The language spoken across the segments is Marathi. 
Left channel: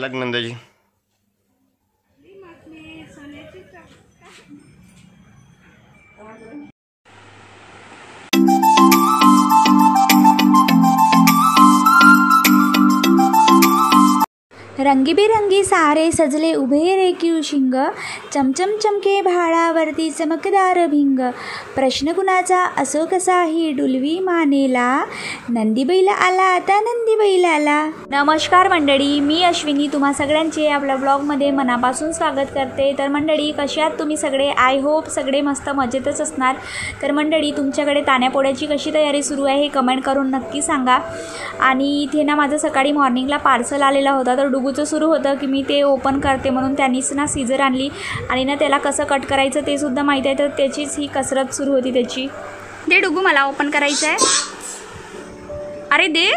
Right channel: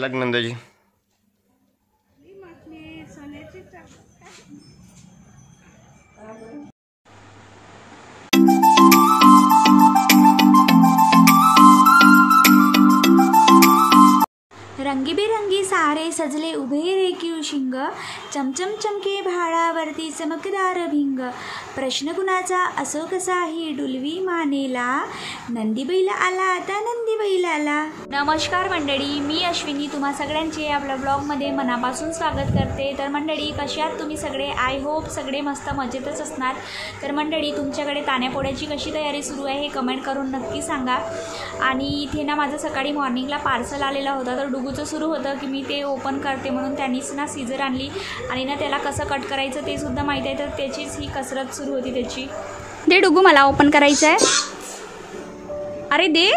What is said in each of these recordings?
झालं नंदाजी? रंगीबेरंगी सारे सजले उभे रेखीव शिंग, चमचम चमके भाळावरती चमकदार भिंग. प्रश्न कुणाचा असो कसाही डुलवी मानेला, नंदीबैल आला आता नंदीबैल आला. नमस्कार मंडळी, मी अश्विनी तुम्हा सगळ्यांचे आपल्या ब्लॉगमध्ये मनापासून स्वागत करते. तर मंडळी, कशात तुम्ही सगळे? आय होप सगळे मस्त मजेतच असणार. तर मंडळी, तुमच्याकडे तान्यापोळ्याची कशी तयारी सुरू आहे हे कमेंट करून नक्की सांगा. आणि इथे ना माझं सकाळी मॉर्निंगला पार्सल आलेला होता, तर डुगूचं सुरू होतं की मी ते ओपन करते म्हणून. त्यांनीच ना सीझर आणली आणि ना त्याला कसं कट करायचं ते सुद्धा माहीत आहे, तर त्याचीच ही कसरत सुरू होती त्याची. दे डुगू, मला ओपन करायचं आहे. अरे दे,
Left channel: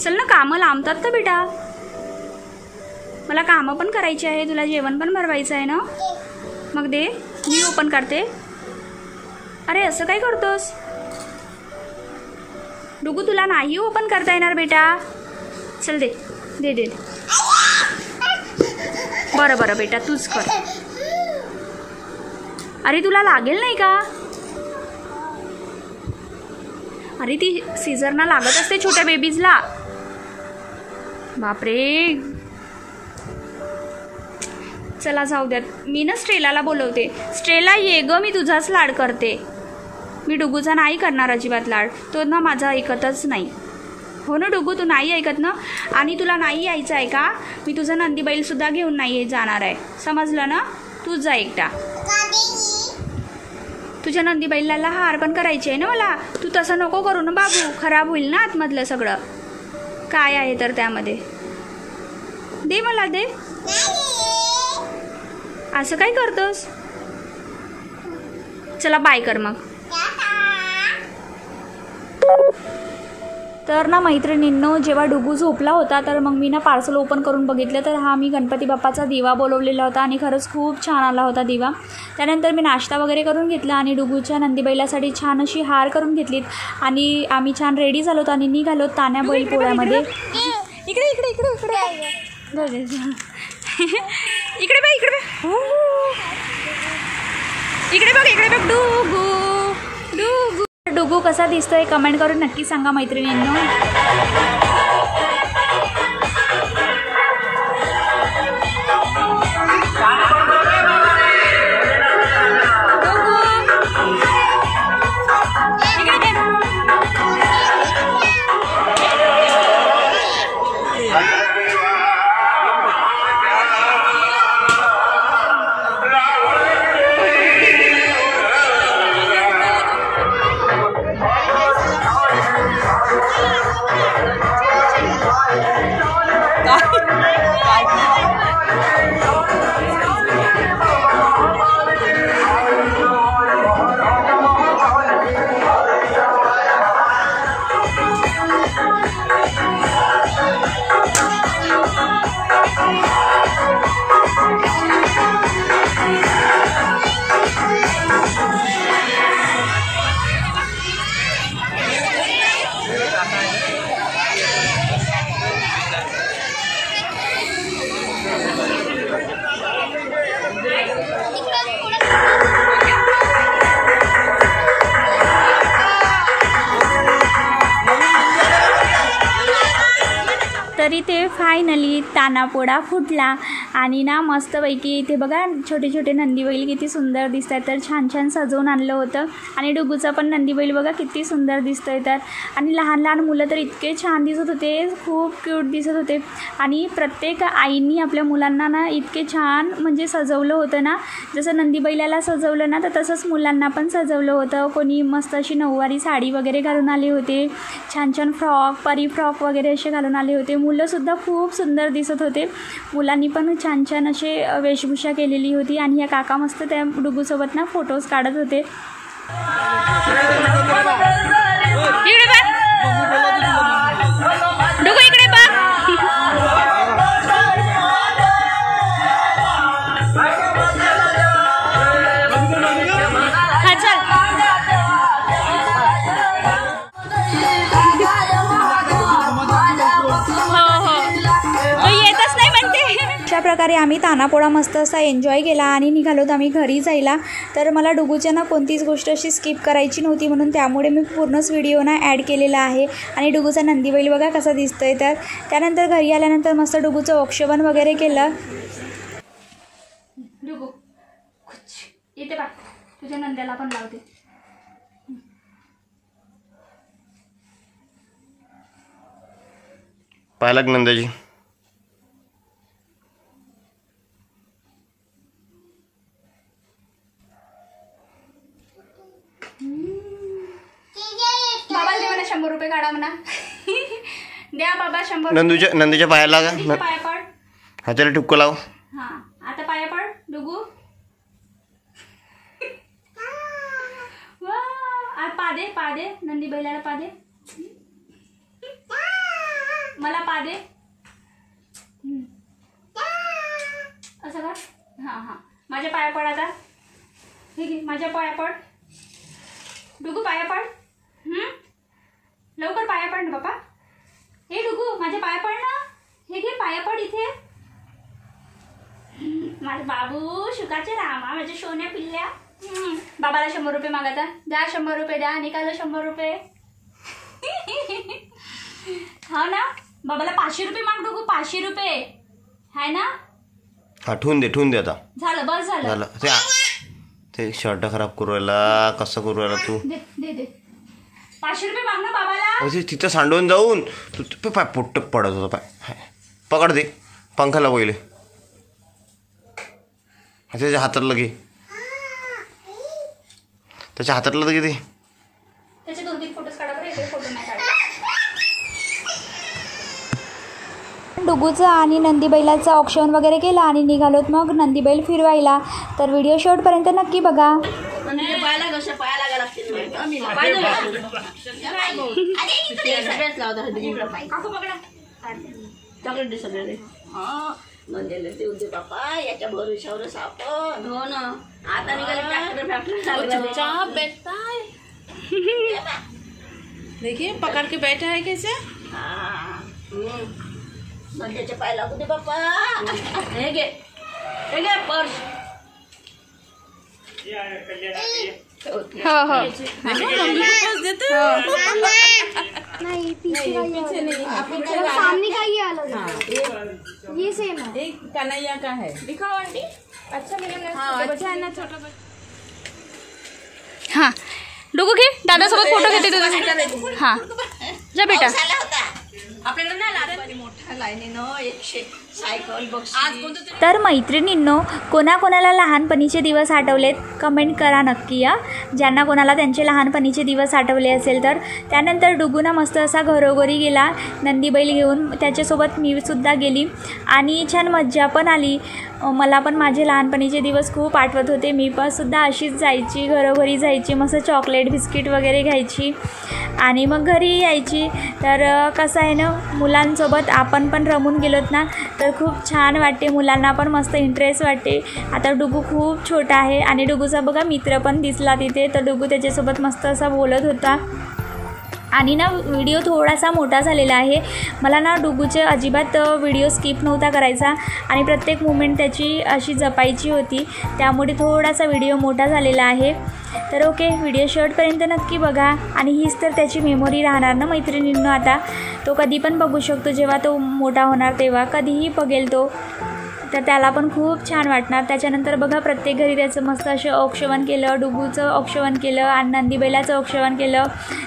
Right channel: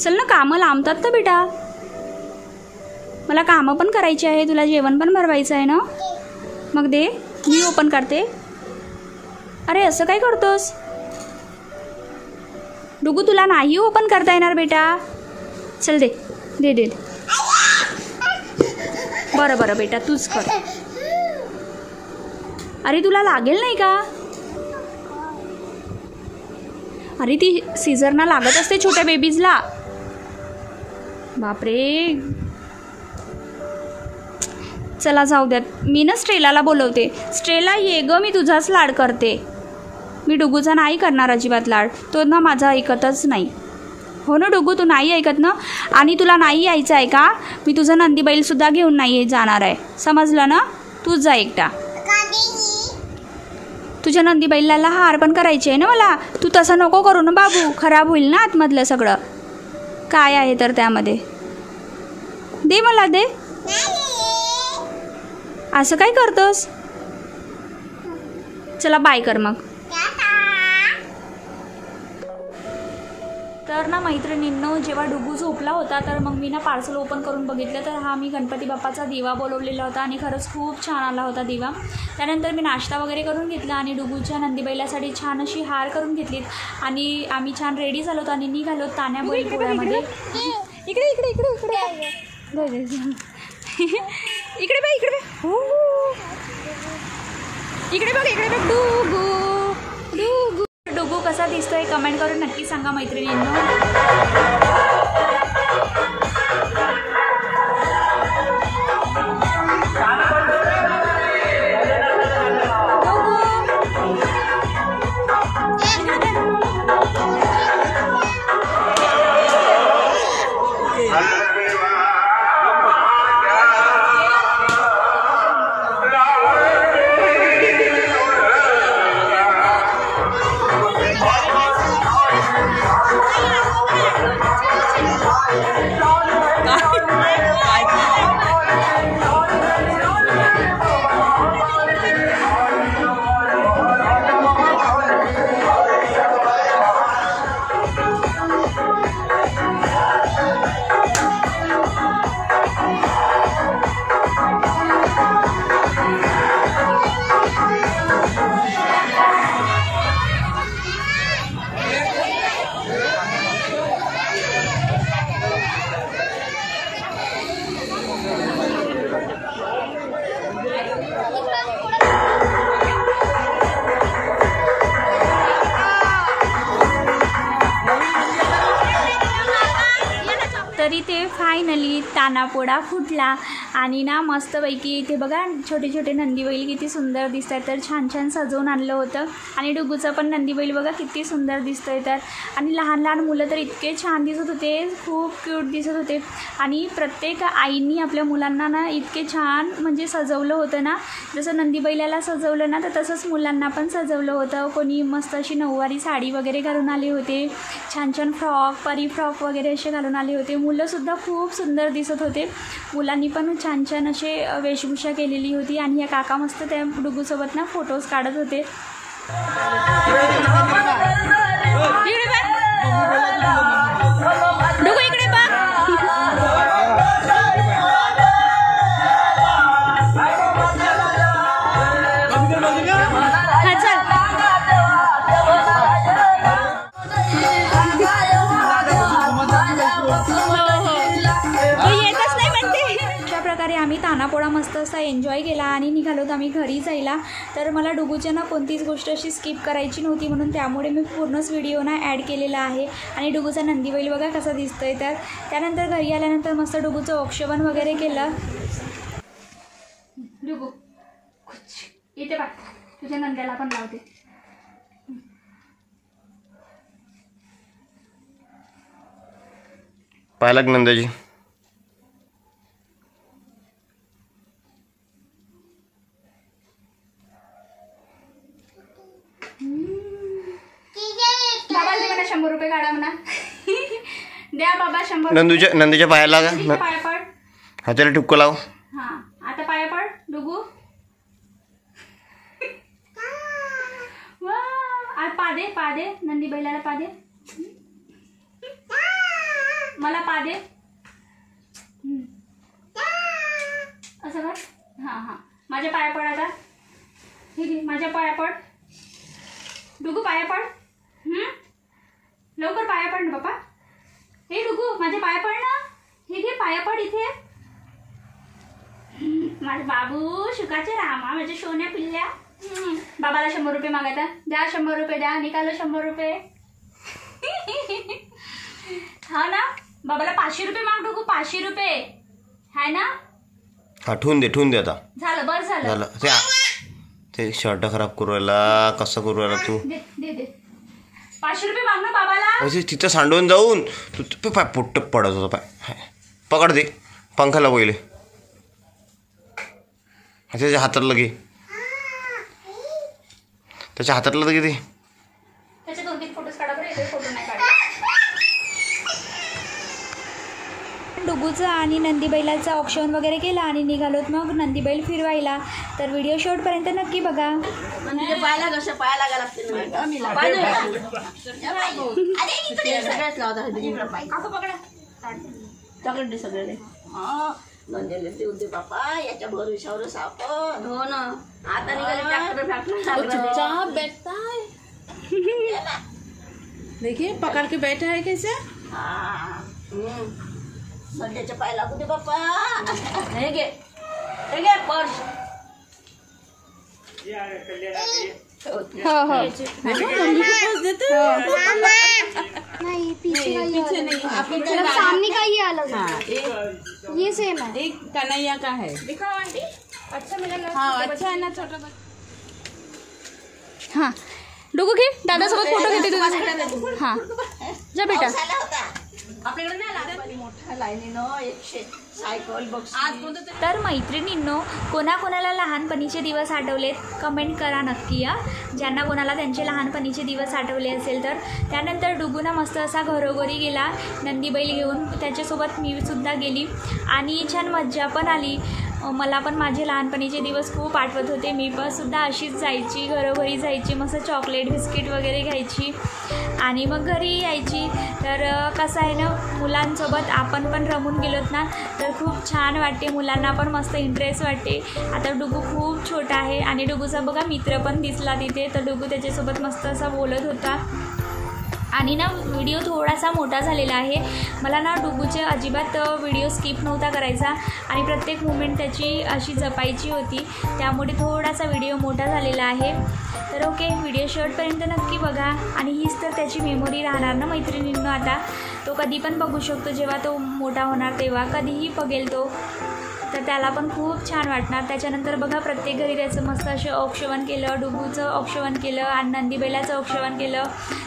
चल ना, कामं लांबतात तर बेटा, मला कामं पण करायची आहे, तुला जेवण पण भरवायचं आहे ना. मग दे, मी ओपन करते. अरे असं काय करतोस डुगू? तुला नाही ओपन करता येणार बेटा. चल दे दे दे. बरं बरं बेटा, तूच कर. अरे तुला लागेल नाही का? अरे ती सीझरना लागत असते छोट्या बेबीजला. बापरे, चला जाऊ द्यात. मी ना स्ट्रेलाला बोलवते. स्ट्रेला ये ग, मी तुझाच लाड करते. मी डुगूचा नाही करणार अजिबात लाड, तो ना माझा ऐकतच नाही. हो ना डुगू, तू नाही ऐकत ना. आणि तुला नाही यायचं आहे का? मी तुझा नंदीबैलसुद्धा घेऊन नाही जाणार आहे, समजलं ना. तूच जा एकटा. तुझ्या नंदीबैलाला हार पण करायचे आहे ना मला. तू तसं नको करू ना बाबू, खराब होईल ना आतमधलं सगळं. काय आहे तर त्यामध्ये? दे मला, दे. असं काय करतोस? चला बाय कर मग. तर ना मैत्रिणींनो, जेव्हा डुगू झोपला होता तर मग मी ना पार्सल ओपन करून बघितलं, तर हा मी गणपती बाप्पाचा दिवा बोलवलेला होता आणि खरंच खूप छान आला होता दिवा. त्यानंतर मी नाश्ता वगैरे करून घेतला आणि डुगूच्या नंदीबैलासाठी छान अशी हार करून घेतलीत आणि आम्ही छान रेडी झालो आणि निघालो तान्या बैलपोळ्यामध्ये. इकडे इकडे इकडे इकडे इकडे बघ, इकडे बघ, इकडे बघ, इकडे बघ. डुगू डुगू डुगू कसा दिसतोय कमेंट करून नक्की सांगा मैत्रिणींनो. तरी ते फायनली तानापोळा फुटला आणि ना मस्तपैकी इथे बघा छोटे छोटे नंदीबैल किती सुंदर दिसत आहेत. तर छान छान सजवून आणलं होतं आणि डुगूचा पण नंदीबैल बघा किती सुंदर दिसतं आहे. तर आणि लहान लहान मुलं तर इतके छान दिसत होते, खूप क्यूट दिसत होते. आणि प्रत्येक आईंनी आपल्या मुलांना ना इतके छान म्हणजे सजवलं होतं ना, जसं नंदीबैलाला सजवलं ना तर तसंच मुलांना पण सजवलं होतं. कोणी मस्त अशी नऊवारी साडी वगैरे घालून आले होते, छान छान फ्रॉक, परी फ्रॉक वगैरे असे घालून आले होते. मुलंसुद्धा खूप सुंदर दिसत होते. मुलांनी पण छान छान असे वेशभूषा केलेली होती आणि या काका मस्त त्या डुगूसोबत ना फोटोज काढत होते. डुगू इकडे बघ. हा चल. हो हो, तू येतच प्रकारे आम्ही तानापोळा मस्त असा एन्जॉय केला आणि निघालोत आम्ही घरी जायला. तर मला डुगूच्या ना कोणतीच गोष्ट अशी स्किप करायची नव्हती, म्हणून त्यामुळे मी पूर्णच व्हिडिओ ना ॲड केलेला आहे. आणि डुगूचा नंदीबैल बघा कसा दिसतोय. तर त्यानंतर घरी आल्यानंतर मस्त डुगूचं औक्षण वगैरे केलं. डुगू इथे बघ, तुझ्या नंद्याला पण लावते. पालक नंदाजी बाबाला दे म्हणा 100 रुपये काढा म्हणा. द्या बाबा 100. नंदूच्या पायाला लागा, पाया पड, हाताला टिपको लाव. हा आता पाया पड डुगू. वा पा दे नंदी बैलाला पा दे, मला पा दे. असं कर. हां हां माझ्या पाया पड आता. हे घे माझ्या पाया पड डुगू, पाया पड. लवकर पाया पड ना बाबा. हे डुगू माझ्या पाया पड ना. हे घे पाया पड इथे. माझे बाबू शुकाचे रामा, माझ्या सोन्या पिल्ल्या. बाबाला 100 रुपये मागता. द्या 100 रुपये द्या. निकालो 100 रुपये. हा ना बाबाला 500 रुपये माग डुगू. 500 रुपये हाय ना. हा ठेवून दे आता. झालं बस झालं. ते शर्ट खराब करू राहिला, कसं करू राहिला तू. दे दे दे 500 रुपये माग ना बाबाला. तिथं सांडून जाऊन तू पाय पोट्ट पडत होता. पाय पकड दे, पंखाला पहिले त्याच्या हातातलं घे, त्याच्या हातातलं तर घे. त्याचे 2-3 फोटोज काढा बरं. इथे फोटो नाही काढा. डुगूचं आणि नंदीबैलाचं औक्षण वगैरे केलं आणि निघालोत मग नंदीबैल फिरवायला. तर व्हिडिओ शेवटपर्यंत नक्की बघा. नंदेला देऊ दे बापा, याच्या भरोशावर सापड. हो ना आता निघाले ट्रॅक्टर बैठता है. देखिए पकड़ के बैठा है कैसे. नंदेच्या पाय लागू दे बापा. हे घे पर्स. हो हो नहीं पीछे नहीं, आपको सामने का ही अलग है. ये सेम है. कन्हैया का है. दिखाओ आंटी. अच्छा मेरा अच्छा है ना छोटा. हां डुगू घे, दादासोबत फोटो घेते तुझा. हां जा बेटा. आपल्याकडे नाही लागत मोठ्या लाईनीनं 100 सायकल बक्षीस. तर मैत्रिणींनो, कोणाकोणाला लहानपणीचे दिवस आठवलेत कमेंट करा नक्की. ज्यांना कोणाला त्यांचे लहानपणीचे दिवस आठवले असेल तर. त्यानंतर डुगूना मस्त असा घरोघरी गेला नंदीबैल घेऊन. त्याच्यासोबत मी सुद्धा गेली आणि छान मज्जा पण आली. मला पण माझे लहानपणीचे दिवस खूप आठवत होते. मी पण सुद्धा अशीच जायची, घरोघरी जायची, मस्त चॉकलेट बिस्किट वगैरे घ्यायची आणि मग घरी यायची. तर कसं आहे ना, मुलांसोबत आपण पण रमून गेलोत ना तर खूप छान वाटते. मुलांना पण मस्त इंटरेस्ट वाटते. आता डुगू खूप छोटा आहे आणि डुगूचा बघा मित्र पण दिसला तिथे. तर डुगू त्याच्यासोबत मस्त असा बोलत होता. आणि ना व्हिडिओ थोडासा मोठा झालेला आहे. मला ना डुगूचे अजिबात व्हिडिओ स्किप नव्हता करायचा आणि प्रत्येक मुमेंट त्याची अशी जपायची होती. त्यामुळे थोडासा व्हिडिओ मोठा झालेला आहे. तर ओके, व्हिडिओ शेवटपर्यंत नक्की बघा. आणि हीच तर त्याची मेमोरी राहणार ना मैत्रिणींनो. आता तो कधी पण बघू शकतो. जेव्हा तो मोठा होणार तेव्हा कधीही बघेल तो. तर त्याला पण खूप छान वाटणार. त्याच्यानंतर बघा प्रत्येक घरी त्याचं मस्त असं औक्षण केलं. डुगूचं औक्षण केलं आणि नंदीबैलाचं औक्षण केलं.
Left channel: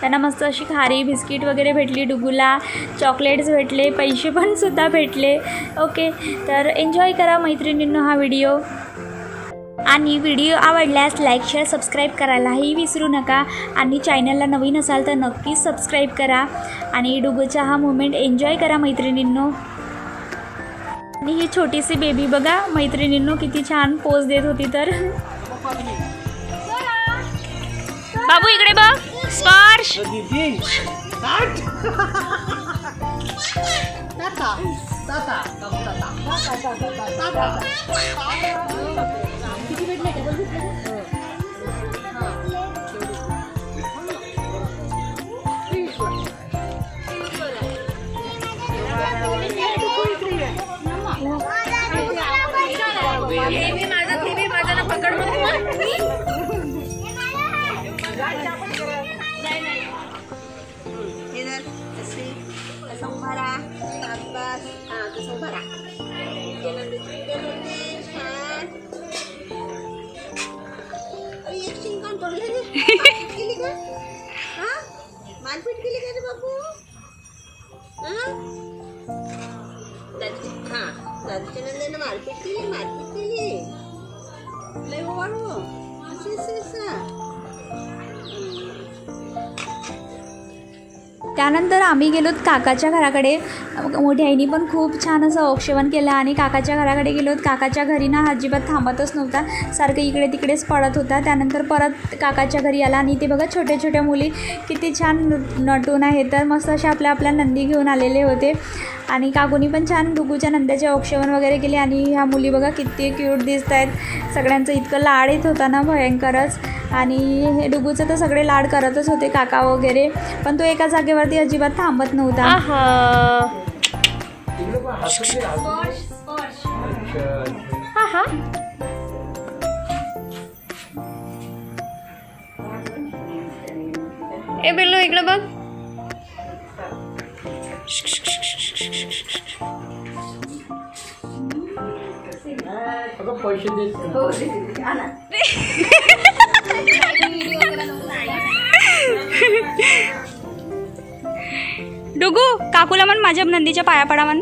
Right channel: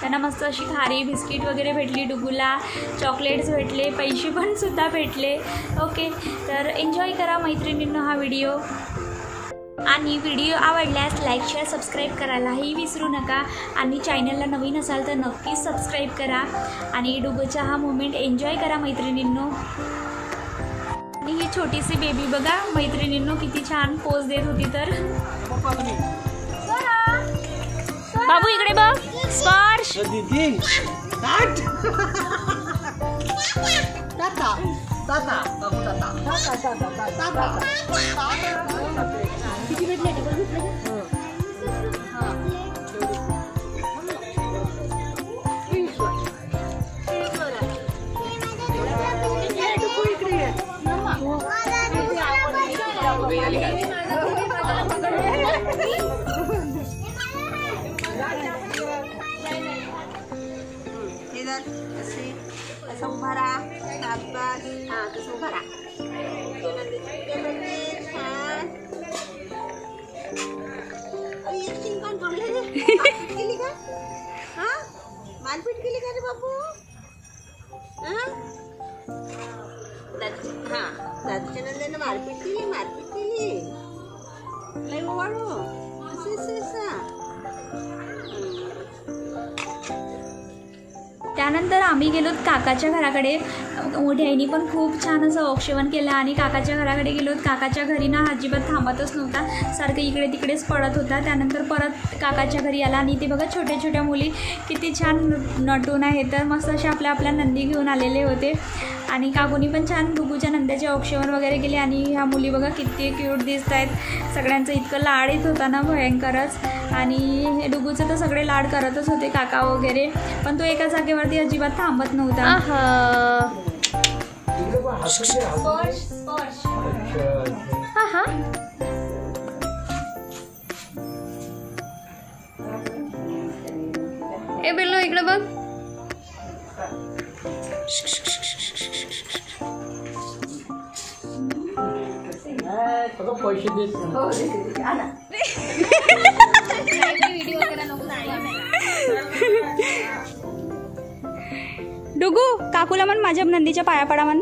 त्यांना मस्त अशी खारी बिस्किट वगैरे भेटली. डुगूला चॉकलेट्स भेटले, पैसे पण सुद्धा भेटले. ओके, तर एन्जॉय करा मैत्रिणींनो हा व्हिडिओ. आणि व्हिडिओ आवडल्यास लाईक शेअर सबस्क्राईब करायलाही विसरू नका. आणि चॅनलला नवीन असाल तर नक्कीच सबस्क्राईब करा. आणि डुगूचा हा मोमेंट एन्जॉय करा मैत्रिणींनो. आणि ही छोटीशी बेबी बघा मैत्रिणींनो किती छान पोज देत होती. तर बाबू इकडे बघ. स्पर्श असं उभा राहा. शाबास. हां तसं उभा राहा. छान. एक शिंकान तोडलं रे. मारपीट केली का? हां मारपीट केली का रे बाबू? हां दादूच्या नंदीनं मारपीट केली. लय ओवाळू. असं. त्यानंतर आम्ही गेलोत काकाच्या घराकडे. मोठ्या आईने पण खूप छान असं औक्षवण केलं आणि काकाच्या घराकडे गेलोत. काकाच्या घरी ना अजिबात थांबतच नव्हता, सारखं इकडे तिकडेच पडत होता. त्यानंतर परत काकाच्या घरी आला आणि ते बघा छोट्या छोट्या मुली किती छान नटून आहे. तर मस्त अशा आपल्या नंदी घेऊन आलेले होते आणि काकूनी पण छान डुगूच्या नंद्याचे औक्षवण वगैरे केले. आणि ह्या मुली बघा किती क्यूट दिसत आहेत. सगळ्यांचं इतकं लाड येत होता ना भयंकरच. आणि हे डुगूचं तर सगळे लाड करतच होते काका वगैरे, पण तो एका जागेवरती अजिबात थांबत नव्हता. ए बेल्लो इकडे बघ. पैसे देत डुगू काकूला म्हण माझ्या नंदीच्या पाया पडा म्हण.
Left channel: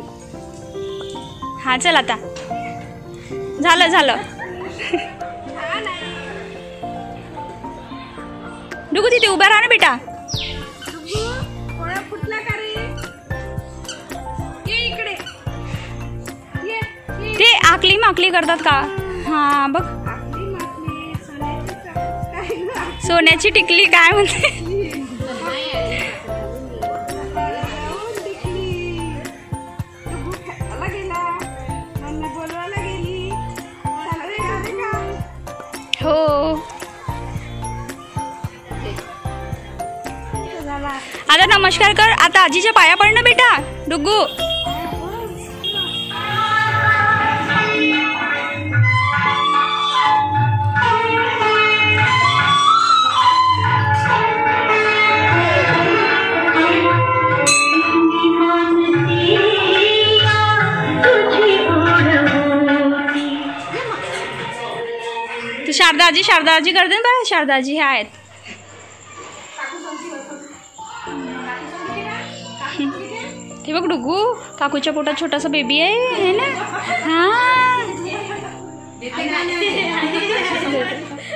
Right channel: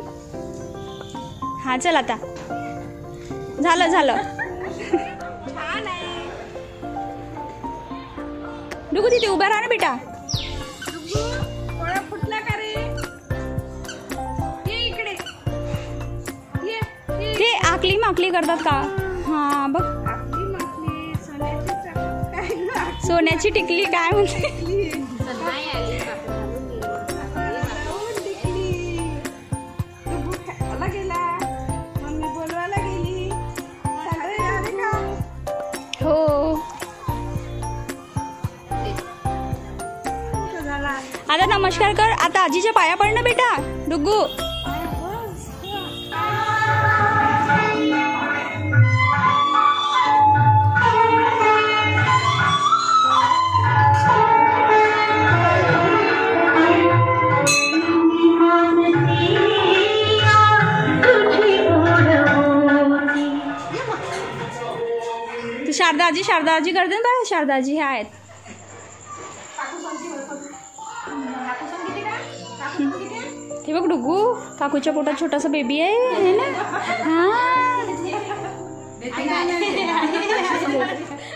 हा चल आता झालं. डुगू तिथे उभा राहा ना बेटा. ते आकली माकली करतात का? हा बघ सोन्याची टिकली काय म्हणते. हो आता नमस्कार कर. आता आजीच्या पाया पड ना बेटा डुगू. शारदाजी करते ना बा. शारदाजी हे आहेत. हे बघ डुगू काकूच्या पोटात छोटासा बेबी आहे ना. हा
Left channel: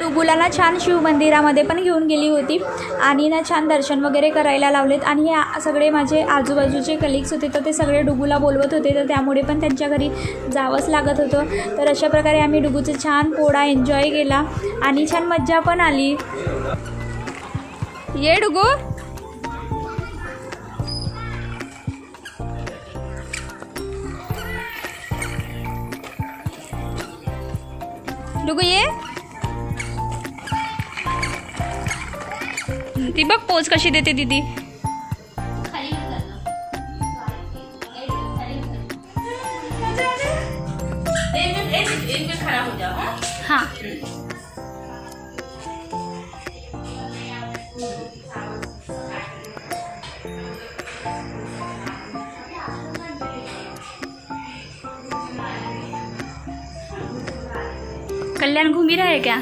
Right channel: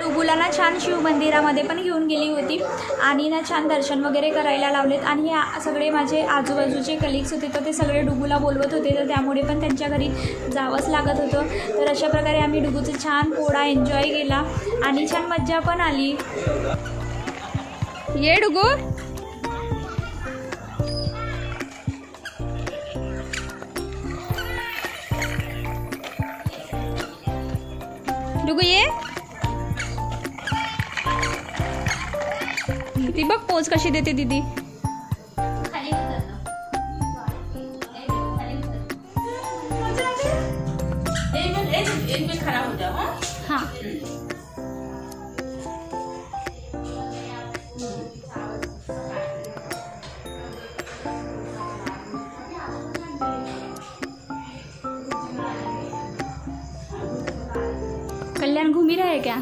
डुगूला ना छान शिव मंदिरामध्ये पण घेऊन गेली होती आणि ना छान दर्शन वगैरे करायला लावलेत. आणि हे सगळे माझे आजूबाजूचे कलिग्स होते तर ते सगळे डुगूला बोलवत होते, तर त्यामुळे पण त्यांच्या घरी जावंच लागत होतं. तर अशा प्रकारे आम्ही डुगूचे छान पोळा एन्जॉय केला आणि छान मज्जा पण आली. ये डुगू. डुगू ये. ती बघ पोज कशी देते दीदी. हाँ कल्याण घूम ही रहा है क्या?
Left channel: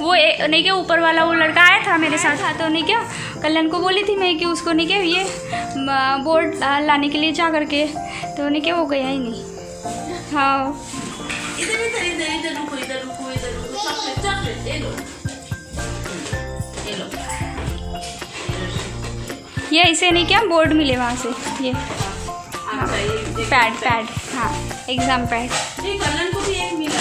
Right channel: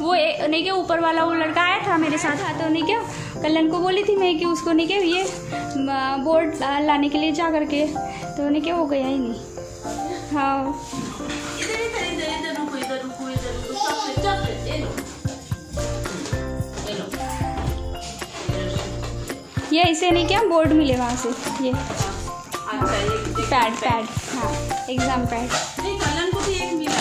वो नहीं क्या ऊपर वाला वो लड़का आया था मेरे साथ, तो नहीं क्या कल्याण को बोली थी मैं कि उसको नहीं क्या ये बोर्ड लाने के लिए जा करके, तो नहीं क्या वो गया ही नहीं. हाँ ये ऐसे नहीं क्या बोर्ड मिले वहाँ से ये पैड हाँ एग्जाम पैड. कल्याण को भी एक मिला.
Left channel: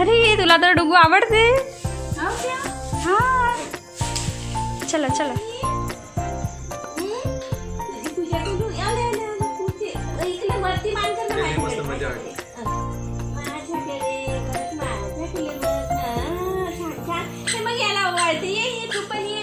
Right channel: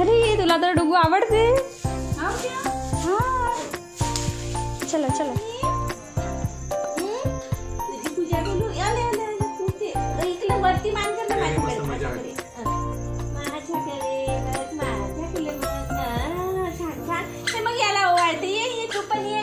अरे तुला तर डुगू आवडते. हाँ चलो चलो. मग याला ओवाळते. ये तू पण ये.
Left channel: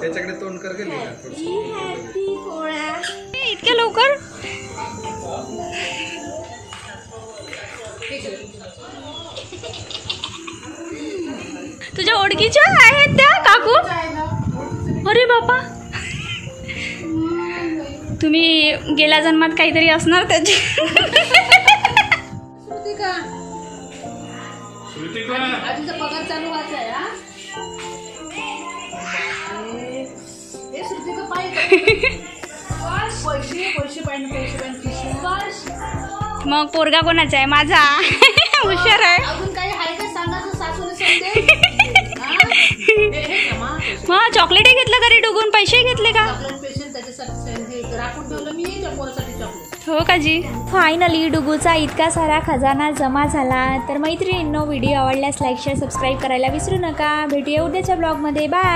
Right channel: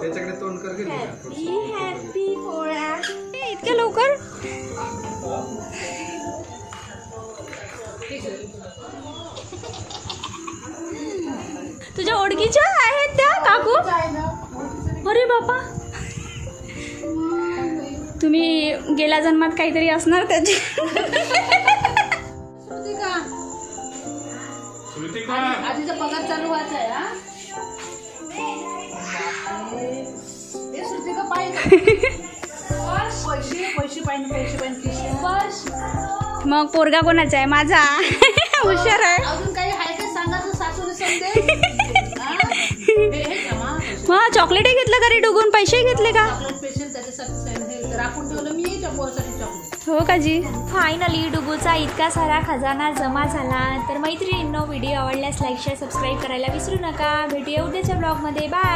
त्याच्याकडे तोंड कर गेली का? हॅपी पोळ्या. इतक्या लवकर? तुझ्या ओळखीच्या आहेत त्या काकू? अरे बापा, तुम्ही गेल्या जन्मात काहीतरी असणार त्याची. आजीचा पगार चालू व्हायचा आहे. पैसे पाहिजे. मग पोरगा कोणाचा आहे? माझा. हुशार आहे. अजून काही आहे का सांगायचं सासूने समजे. मग चॉकलेट घेतलं का रे डुगून? पैसे घेतले का? चॉकलेट पेशंट त्याच्यासाठी राखून ठेवलं मी त्या पोरासाठी चॉकलेट. हो का जी? फायनली डुगूचा इतका सारा खजाना जमा झाला. तर मैत्रिणींनो, व्हिडिओ आवडल्यास लाईक शेअर सबस्क्राईब करायला विसरू नका. भेटूया उद्याच्या ब्लॉगमध्ये. बाय.